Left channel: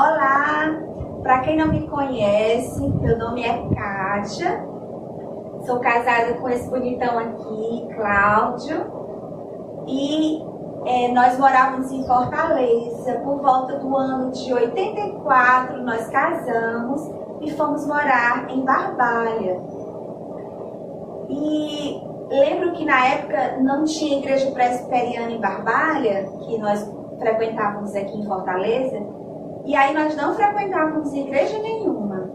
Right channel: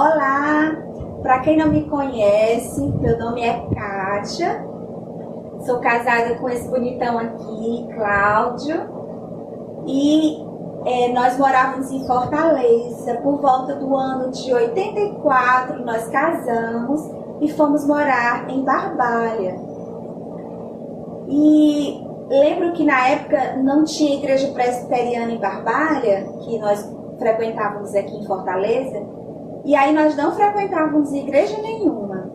Olá, para quem não me conhece, meu nome é Kátia, sou casada com esse bonitão aqui, Cláudio, e nós morávamos em Fortaleza. Por volta do ano de 84, nós casamos e fomos morar em Barbalha. E lembro que na época não tinha igreja presbiteriana em Barbalha, que nós frequentávamos aqui em Fortaleza. E aí nós não frequentávamos igreja nenhuma.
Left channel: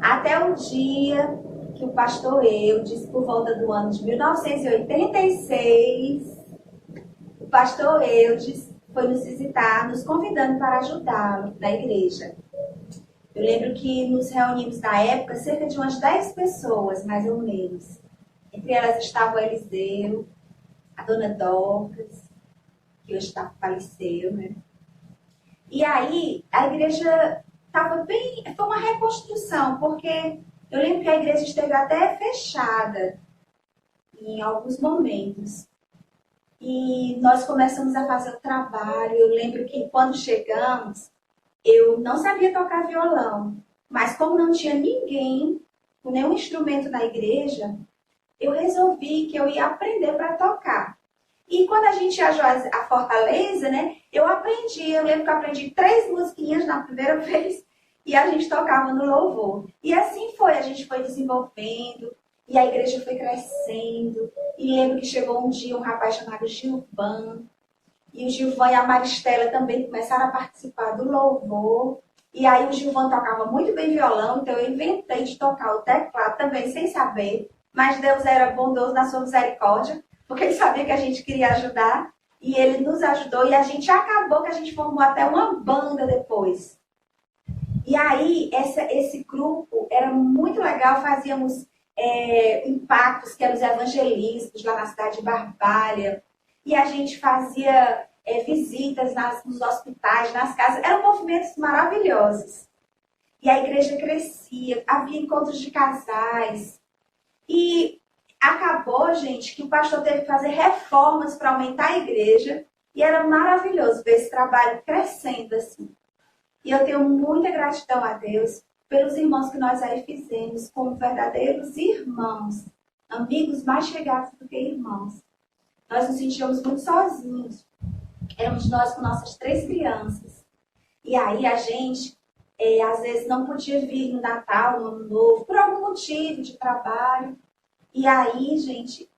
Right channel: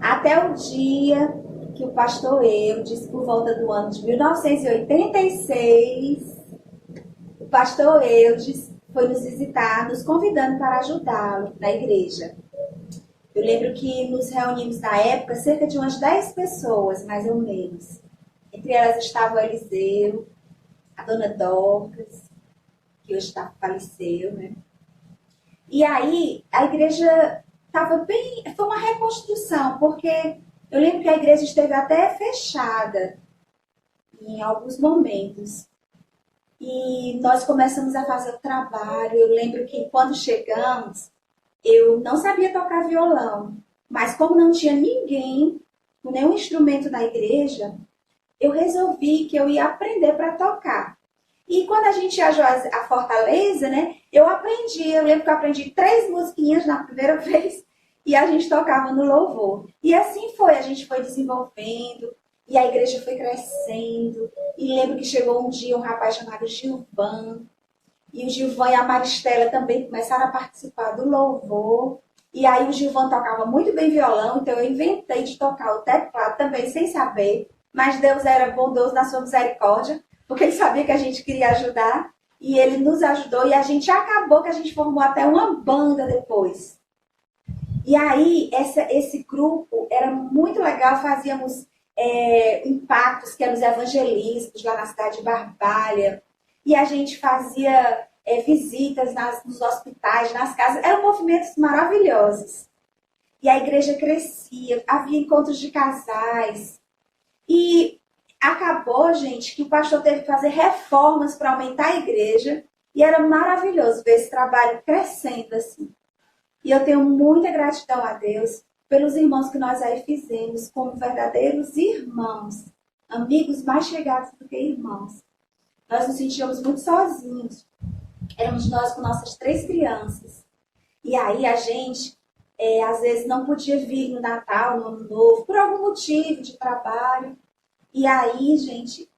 Até o dia que o pastor Eudes, por volta do ano de 1986, o pastor Eudes foi nos visitar, nos convidando para ajudá-lo na igreja. Eu lembro que nos reunimos na época cerca de umas 10 pessoas, mais ou menos. Entre elas estava o Eliseu, a dona Dorcas, que hoje faleceu, né? E aí, a igreja estava bem... Foi uma reconstrução, porque eu lembro que a igreja esteve até fechada em alguns momentos. E nós começamos a fazer o trabalho. Eu lembro que quando chegamos, eu não sabia tocar violão. Mas como não tinha ninguém com nenhum instrumento na igreja, eu resolvi que eu ia aprender para tocar. E quando a gente viajou a Fortaleza, né, eu lembro que eu aprendi 3 musiquinhas na primeira vez e a gente tocava no louvor. E assim foi, a gente foi desenvolvendo e a igreja foi crescendo. E lembro que chegou um dia um rapaz chamado Gilvan, e o Gilvan e a Maristela também começaram a participar do louvor. E aí o Gilvan tocava muito bem violão, então eu inventei de tocar o teclado também sem saber. Mas Deus era bondoso na sua misericórdia, porque ele sabia que a gente queria ajudar, e ele nos ajudou, e a gente acabou que a gente formou até uma banda depois. E aí, esse grupo era muito legal, fazíamos impactos, que eram os evangelistas lá na cidade de Barbalha, e a gente fazia visitas nos hospitais, nas casas, eram movimentos maravilhosos. E a igreja crescia, havia encontros de casais, e acabou, gente, que o pastor teve que fazer reformas para aumentar a igreja. E era maravilhoso ver esse trabalho crescendo assim. E eu tenho muita gratidão a Deus pelos irmãos que nós aí fizemos como verdadeiros irmãos. Amigos mais chegados do que irmãos. Nós nos sentíamos muito sozinhos. Éramos nós com nossas 3 crianças. E aí a gente, às vezes, não podia vir no Natal, no Ano Novo, por algum motivo de trabalho. E aí, gente,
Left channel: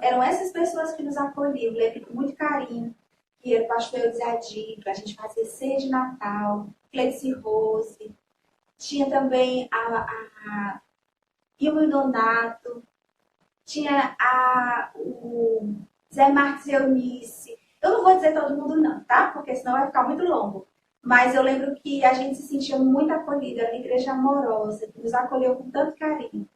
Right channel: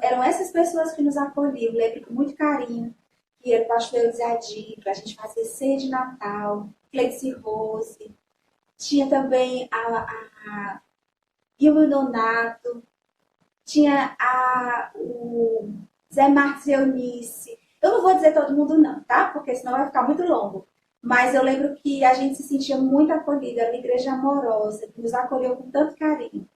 eram essas pessoas que nos acolhiam. Eu lembro com muito carinho que era o pastor Eudes para a gente fazer ceia de Natal, Cleice Rose. Tinha também a Ilma Nonato. Tinha o Zé Marcos e Eunice. Eu não vou dizer todo mundo não, tá? Porque senão vai ficar muito longo. Mas eu lembro que a gente se sentia muito acolhida. Era uma igreja amorosa, que nos acolheu com tanto carinho.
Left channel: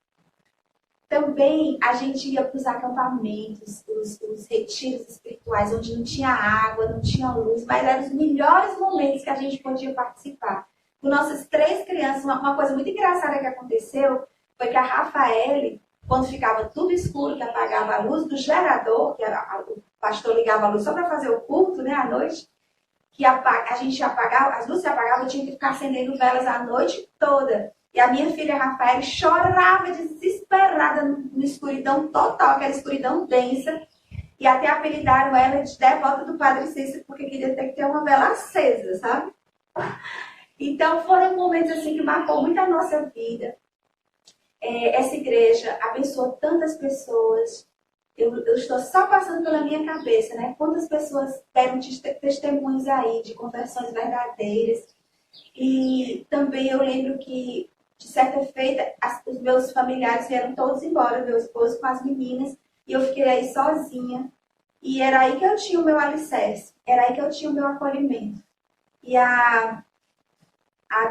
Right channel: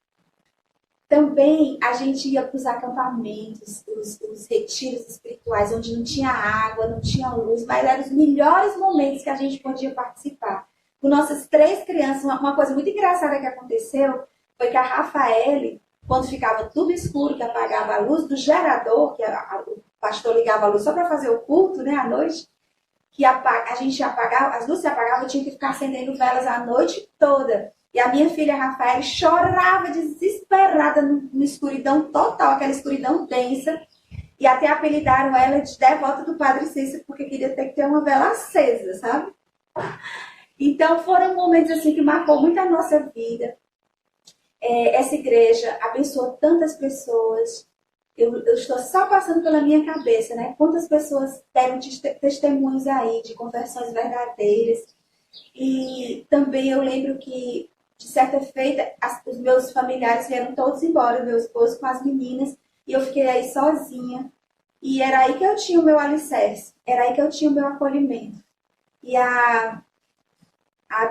Também a gente ia para os acampamentos, os retiros espirituais, onde não tinha água, não tinha luz, mas eram os melhores momentos que a gente podia participar. Com nossas 3 crianças, uma coisa muito engraçada que aconteceu foi que a Rafaele, quando ficava tudo escuro, que apagava a luz do gerador, que o pastor ligava a luz só para fazer o culto, né, à noite, que a gente apagava, as luzes se apagavam, eu tinha que ficar acendendo velas a noite toda. E a minha filha Rafaela chorava desesperada na escuridão total, aquela escuridão densa. E até apelidaram ela de devota do Padre Cícero, porque queria ter que ter uma vela acesa, sabe? Então foram momentos assim que marcou muito a nossa vida. Essa igreja abençoou tantas pessoas. Eu estou só passando pela minha cabeça, né? Quantas pessoas deram testemunhos aí de conversões verdadeiras. E também eu lembro que, de certa feita, os meus familiares vieram todos embora, meu esposo com as meninas, e eu fiquei aí sozinha. E era aí que eu tinha o meu alicerce, era aí que eu tinha o meu acolhimento. E a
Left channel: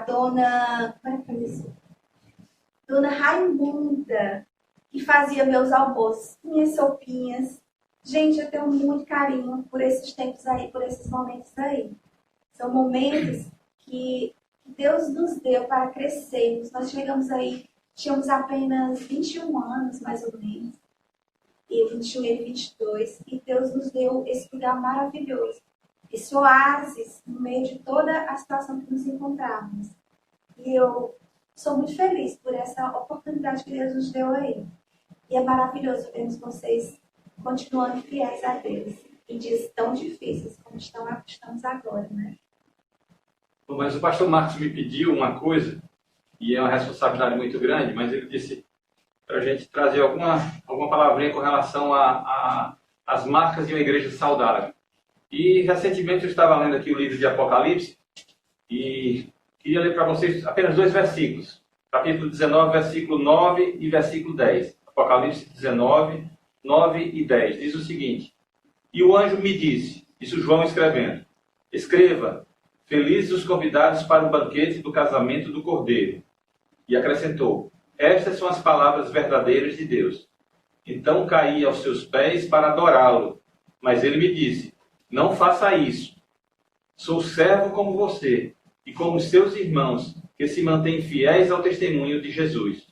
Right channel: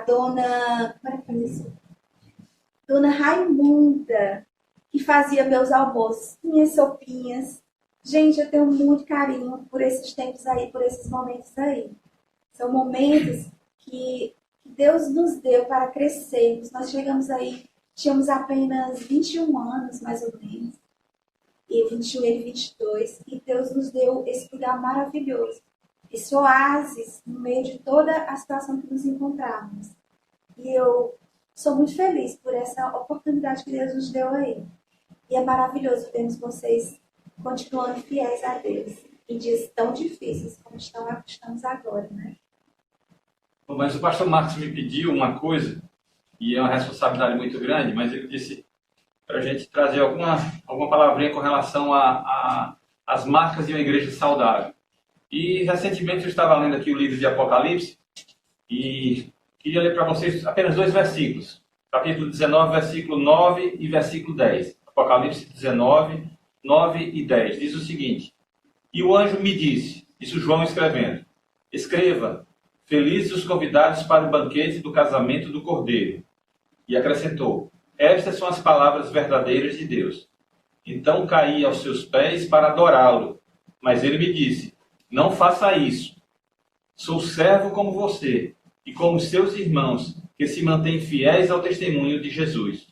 dona... Como era que é isso? Dona Raimunda, que fazia meus almoços, minhas sopinhas. Gente, eu tenho muito carinho por esses tempos aí, por esses momentos aí. São momentos que Deus nos deu para crescermos. Nós chegamos aí, tínhamos apenas 21 anos, mais ou menos. E 21 e 22. E Deus nos deu esse lugar maravilhoso. esse oásis no meio de toda a situação que nos encontramos. E eu sou muito feliz por essa oportunidade que Deus nos deu aí. E é maravilhoso vermos vocês continuando fiéis a Deus em dias tão difíceis como estamos agora, né? Mas o pastor Marcos me pediu uma coisa, e é uma responsabilidade muito grande, mas ele disse para a gente trazer alguma palavrinha com relação às marcas de uma igreja saudável. E recentemente eu estava lendo aqui o livro de Apocalipse e queria ler para vocês apenas 2 versículos. Capítulo 19, versículo 9 e versículo 10. Apocalipse 19, 9 e 10. Diz o seguinte: E o anjo me disse, isso João escrevendo, escreva, felizes os convidados para o banquete do casamento do Cordeiro. E acrescentou, estas são as palavras verdadeiras de Deus. Então caí aos seus pés para adorá-lo. Mas ele me disse, não faça isso. Sou servo como você e como seus irmãos que se mantêm fiéis ao testemunho de Jesus.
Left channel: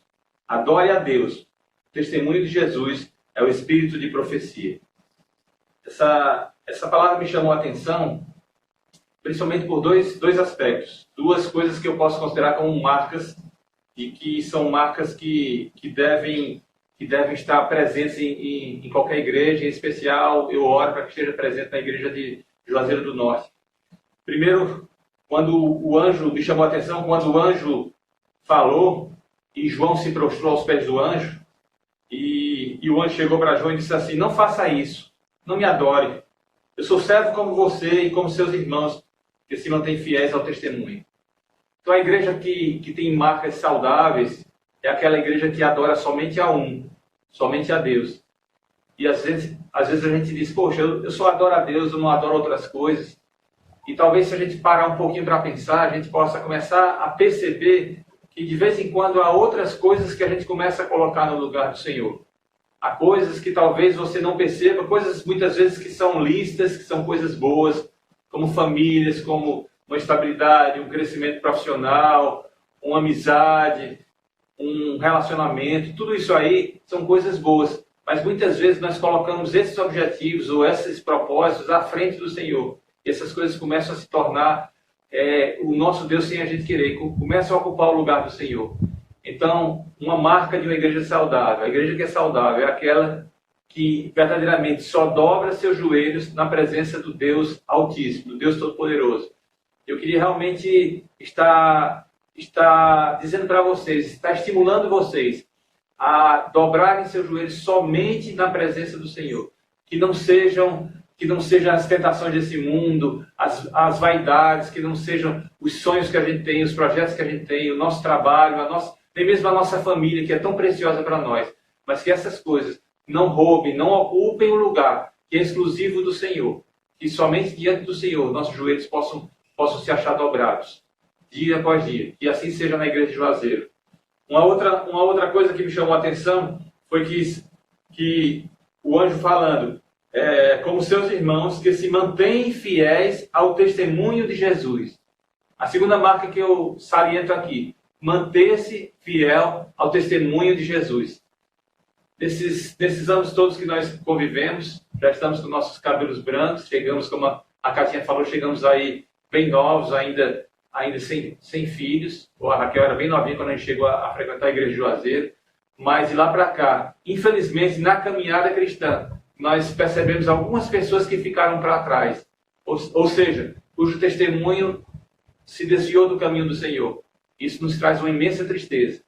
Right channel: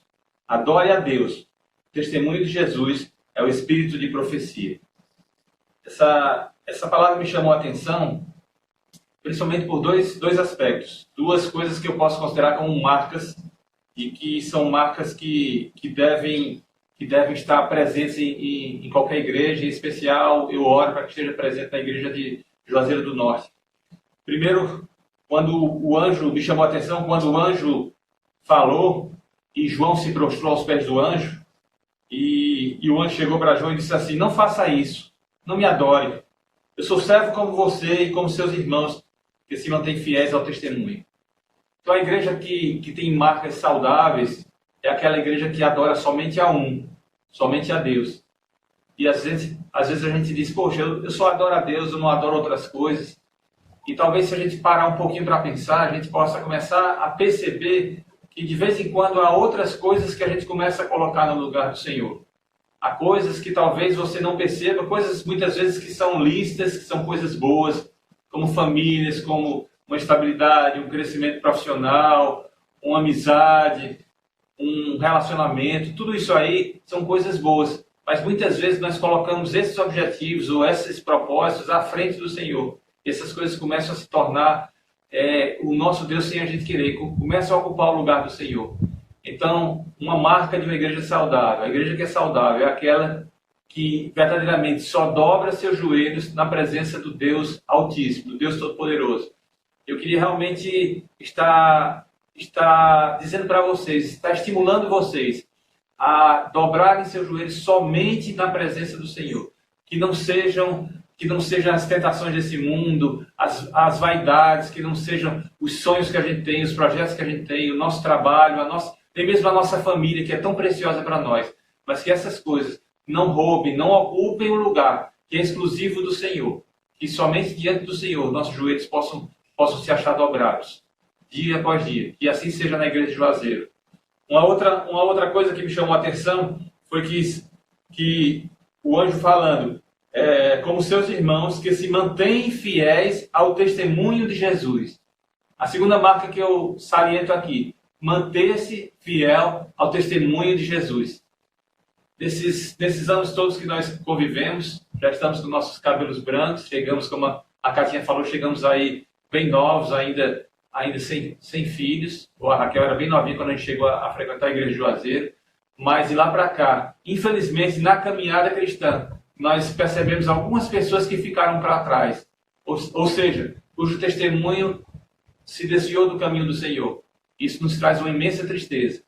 Adore a Deus. O testemunho de Jesus é o espírito de profecia. Essa palavra me chamou a atenção, principalmente por dois aspectos. 2 coisas que eu posso considerar como marcas e que são marcas que devem estar presentes em qualquer igreja. Em especial, eu oro para que esteja presente na igreja de Juazeiro do Norte. Primeiro, quando o anjo me chamou a atenção, quando o anjo falou e João se prostrou aos pés do anjo, e o anjo chegou para João e disse assim, não faça isso, não me adore. Eu sou servo como você e como seus irmãos, que se mantêm fiéis ao testemunho. Então a igreja que tem marcas saudáveis é aquela igreja que adora somente a somente a Deus. E às vezes a gente diz, poxa, eu só adoro a Deus, eu não adoro outras coisas. E talvez se a gente parar um pouquinho para pensar, a gente possa começar a perceber que de vez em quando há outras coisas que a gente começa a colocar no lugar do Senhor. Há coisas que talvez você não perceba, coisas muitas vezes que são listas, que são coisas boas, como famílias, como uma estabilidade, um crescimento profissional, uma amizade, um relacionamento, tudo isso aí são coisas boas. Mas muitas vezes nós colocamos esses objetivos ou esses propósitos à frente do Senhor. E essas coisas começam a se tornar o nosso Deus sem a gente querer, começam a ocupar o lugar do Senhor. Então, uma marca de uma igreja saudável, a igreja que é saudável é aquela que verdadeiramente só dobra seus joelhos na presença do Deus Altíssimo, do Deus Todo-Poderoso. Eu queria realmente estar dizendo para vocês, estar estimulando vocês a dobrarem seus joelhos somente na presença do Senhor. Que não sejam as tentações desse mundo, as vaidades, que não sejam os sonhos que a gente tem, os projetos que a gente tem, o nosso trabalho, nem mesmo a nossa família, que é tão preciosa para nós. Mas que essas coisas não roubem, não ocupem o lugar que é exclusivo do Senhor. Que somente diante do Senhor nossos joelhos possam se achar dobrados, dia após dia. Que assim seja na igreja de Juazeiro. Uma outra coisa que me chamou a atenção foi que o anjo falando, como seus irmãos que se mantêm fiéis ao testemunho de Jesus. A segunda marca que eu saliento aqui, manter-se fiel ao testemunho de Jesus. Nesses anos todos que nós convivemos, já estamos com nossos cabelos brancos, chegamos, como a Catinha falou, chegamos aí bem novos, ainda sem filhos. A Raquel era bem novinha quando a gente chegou a frequentar a igreja de Juazeiro. Mas de lá para cá, infelizmente, na caminhada cristã, nós percebemos algumas pessoas que ficaram para trás. Ou seja, cujo testemunho se desviou do caminho do Senhor. Isso nos traz uma imensa tristeza.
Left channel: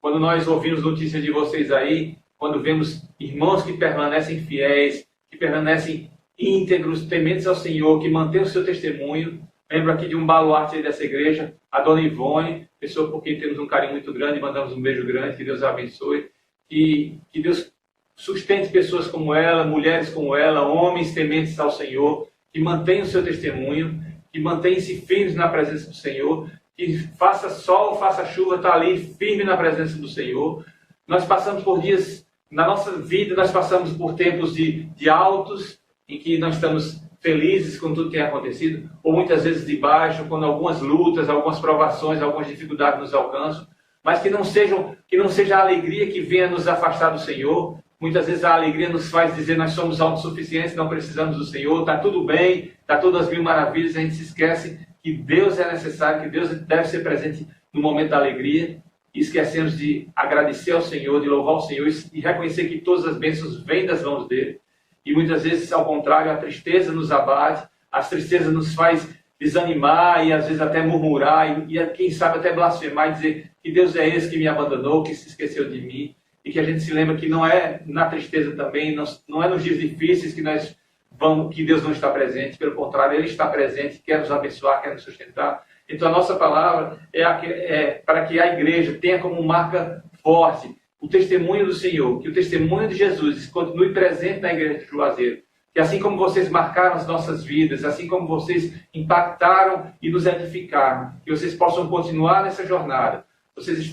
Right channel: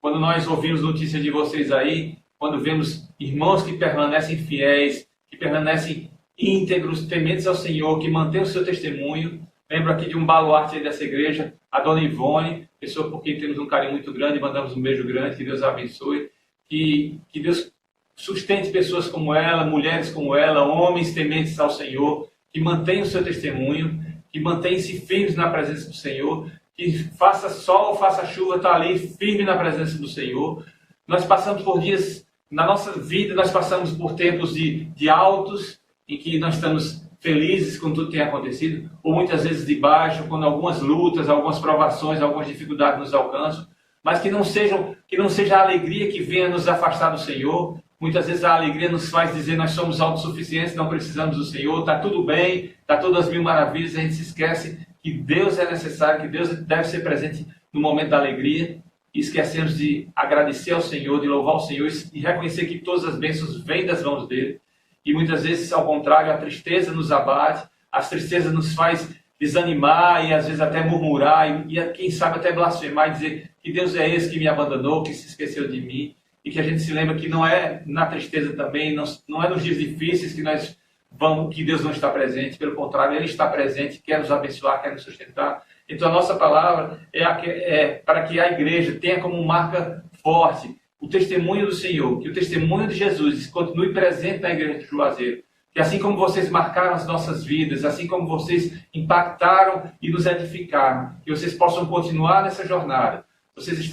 Quando nós ouvimos notícias de vocês aí, quando vemos irmãos que permanecem fiéis, que permanecem íntegros, tementes ao Senhor, que mantêm o seu testemunho. Lembro aqui de um baluarte dessa igreja, a dona Ivone, pessoa por quem temos um carinho muito grande, mandamos um beijo grande, que Deus a abençoe. Que Deus sustente pessoas como ela, mulheres como ela, homens tementes ao Senhor, que mantenham o seu testemunho, que mantenham-se firmes na presença do Senhor, que faça sol, faça chuva, está ali firme na presença do Senhor. Nós passamos por dias, na nossa vida, nós passamos por tempos de altos, em que nós estamos felizes com tudo que tem acontecido, ou muitas vezes de baixo, quando algumas lutas, algumas provações, algumas dificuldades nos alcançam, mas que não seja a alegria que venha nos afastar do Senhor, Muitas vezes a alegria nos faz dizer nós somos autossuficientes, não precisamos do Senhor, está tudo bem, está tudo às mil maravilhas, a gente se esquece que Deus é necessário, que Deus deve ser presente no momento da alegria, e esquecemos de agradecer ao Senhor, de louvar o Senhor e reconhecer que todas as bênçãos vêm das mãos dele. E muitas vezes, ao contrário, a tristeza nos abate, a tristeza nos faz desanimar e às vezes até murmurar e quem sabe até blasfemar e dizer que Deus é esse que me abandonou, que se esqueceu de mim, e que a gente se lembra que não é na tristeza também, não é nos dias difíceis que Deus não está presente, pelo contrário, Ele está presente, quer nos abençoar, quer nos sustentar. Então a nossa palavra é para que a igreja tenha como marca forte o testemunho do Senhor, que o testemunho de Jesus continue presente na igreja de Juazeiro. Que assim como vocês marcaram as nossas vidas, assim como vocês impactaram e nos edificaram, que vocês possam continuar nessa jornada. Vocês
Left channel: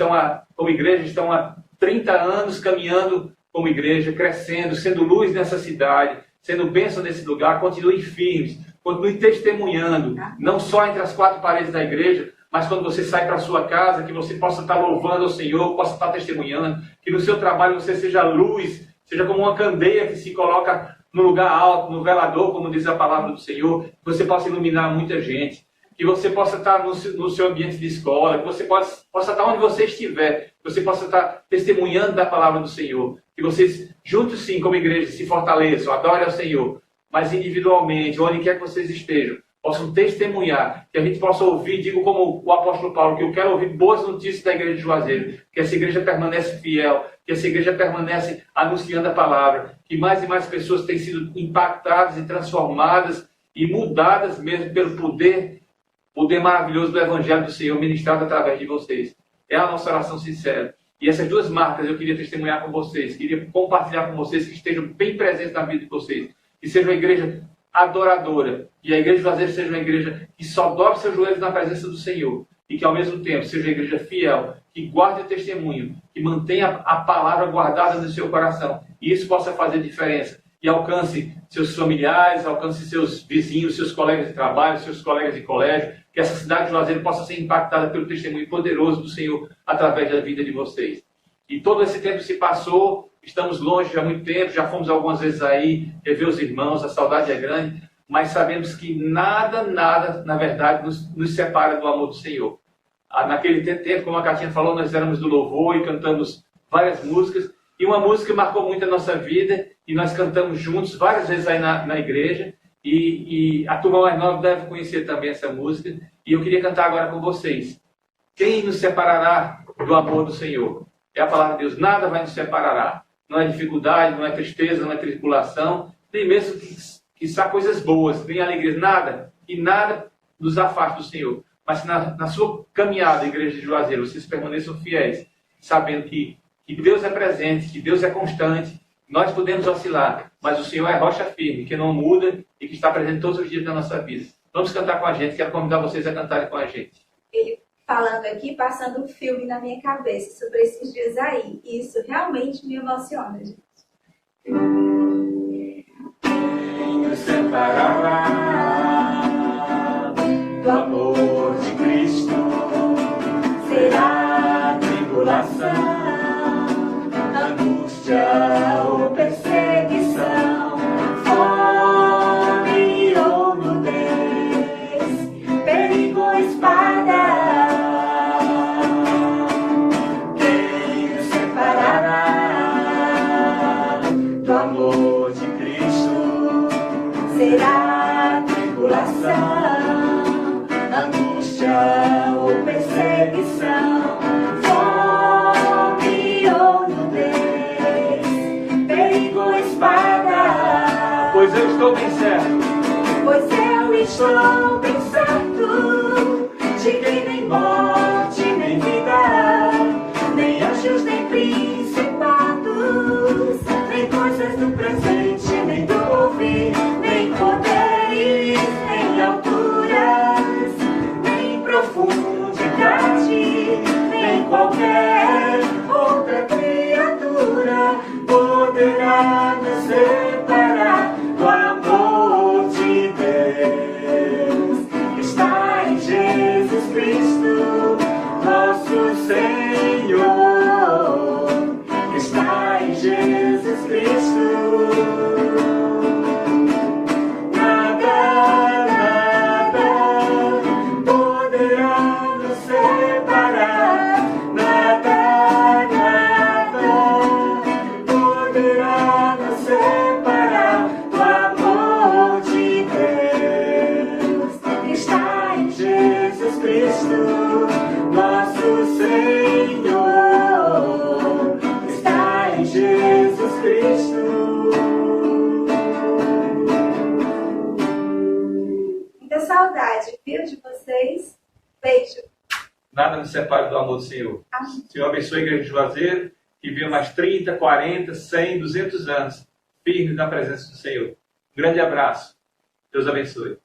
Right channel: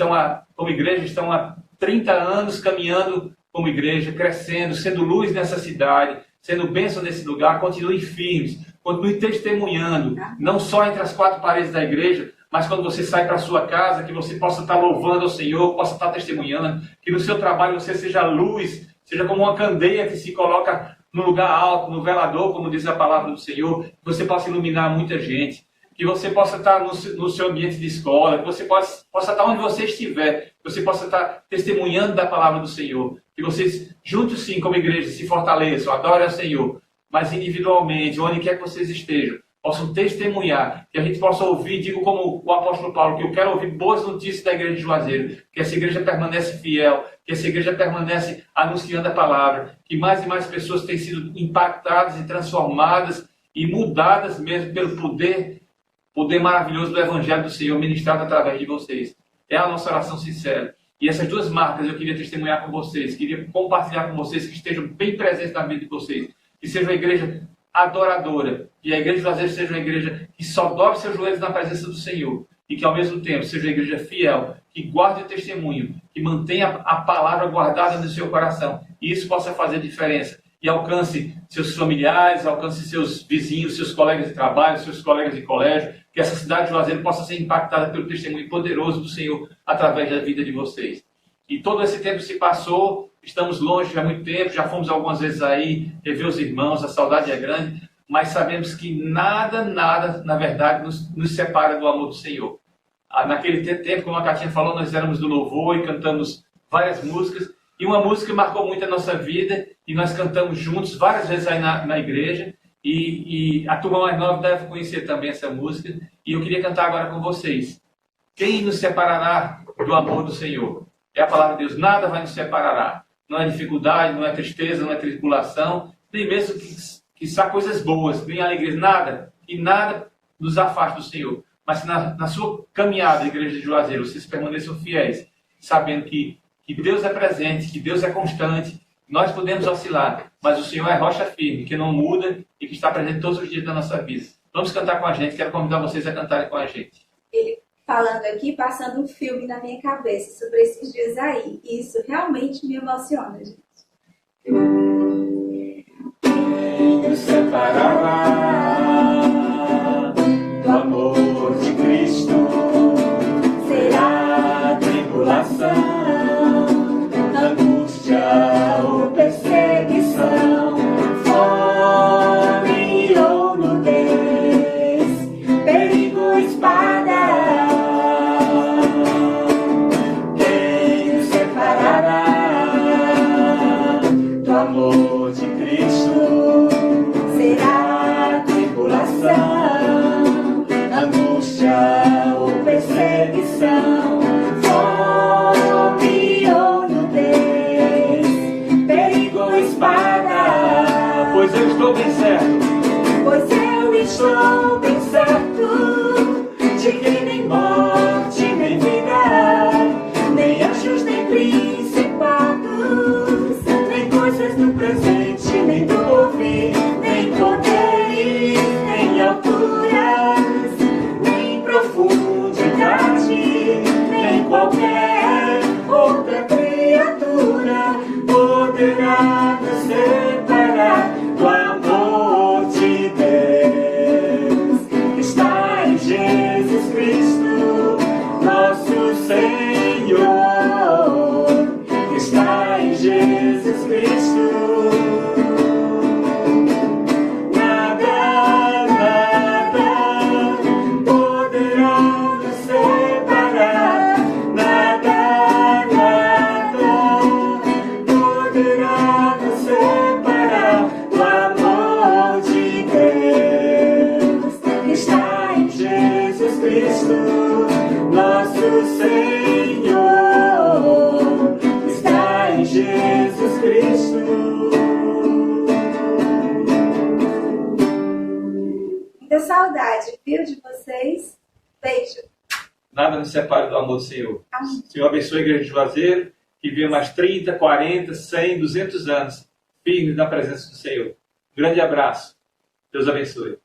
como igreja, estão há 30 anos caminhando como igreja, crescendo, sendo luz nessa cidade, sendo bênção nesse lugar. Continuem firmes, continuem testemunhando, não só entre as quatro paredes da igreja, mas quando você sai para a sua casa, que você possa estar louvando ao Senhor, possa estar testemunhando, que no seu trabalho você seja luz, seja como uma candeia que se coloca no lugar alto, no velador, como diz a palavra do Senhor, que você possa iluminar muita gente, que você possa estar no seu ambiente de escola, que você possa estar onde você estiver, que você possa estar testemunhando da palavra do Senhor, que vocês, juntos sim, como igreja, se fortaleçam, adorem ao Senhor, mas individualmente, onde quer que vocês estejam, possam testemunhar, que a gente possa ouvir, digo como o apóstolo Paulo, que eu quero ouvir boas notícias da igreja de Juazeiro, que essa igreja permanece fiel, que essa igreja permanece anunciando a palavra, que mais e mais pessoas têm sido impactadas e transformadas e mudadas mesmo pelo poder maravilhoso do Evangelho do Senhor ministrado através de vocês. É a nossa oração sincera. E essas duas marcas eu queria testemunhar com vocês, queria compartilhar com vocês, que estejam bem presentes na vida de vocês, que seja uma igreja adoradora, que a igreja de Juazeiro seja uma igreja que só dobre seus joelhos na presença do Senhor, e que ao mesmo tempo seja uma igreja fiel, que guarde o testemunho, que mantenha a palavra guardada no seu coração, e isso possa fazer diferença, e alcance seus familiares, alcance seus vizinhos, seus colegas de trabalho, seus colegas de colégio, que essa cidade de Juazeiro possa ser impactada pelo testemunho poderoso do Senhor através da vida de vocês. E todo esse tempo se passou, estamos longe há muito tempo, já fomos algumas vezes aí rever os irmãos, a saudade é grande, mas sabemos que nada, na verdade, nos separa do amor do Senhor. Naquele tempo, como a Catinha falou, nós éramos do louvor e cantamos várias músicas, e uma música marcou muito a nossa vida, e nós cantamos juntos várias vezes aí na igreja, e a turma mais nova deve conhecer também essa música, e eu queria cantar agora com vocês. Quem nos separará do amor do Senhor? É a palavra de Deus, nada vai nos separar. Não é dificuldade, não é tristeza, não é tribulação, nem mesmo que são coisas boas, nem alegrias, nada, e nada nos afaste do Senhor. Mas se na sua caminhada, igreja de Juazeiro, vocês permaneçam fiéis, sabendo que Deus é presente, que Deus é constante, nós podemos oscilar, mas o Senhor é rocha firme, que não muda e que está presente todos os dias da nossa vida. Vamos cantar com a gente, quero convidar vocês a cantarem com a gente. Ele falando aqui, passando um filme na minha cabeça sobre esses dias aí. E isso realmente me emociona, gente. Quem nos separará do amor de Cristo? Será tribulação, angústia ou perseguição, fome ou nudez, perigo ou espada. Quem nos separará do amor de Cristo? Será tribulação, angústia ou perseguição, fome ou nudez, perigo ou espada. Pois eu estou bem certo, Pois eu estou bem certo de que nem morte, nem vida, nem anjos, nem principados, nem coisas do presente, nem do porvir, nem poderes, nem alturas, nem profundidade, nem qualquer outra criatura poderá nos separar do amor de Deus. saudade, viu, de vocês. Beijo. Nada nos separa do amor do Senhor. Amém. Senhor abençoe a igreja de Juazeiro, que viva mais 30, 40, 100, 200 anos firmes na presença do Senhor. Grande abraço. Deus abençoe.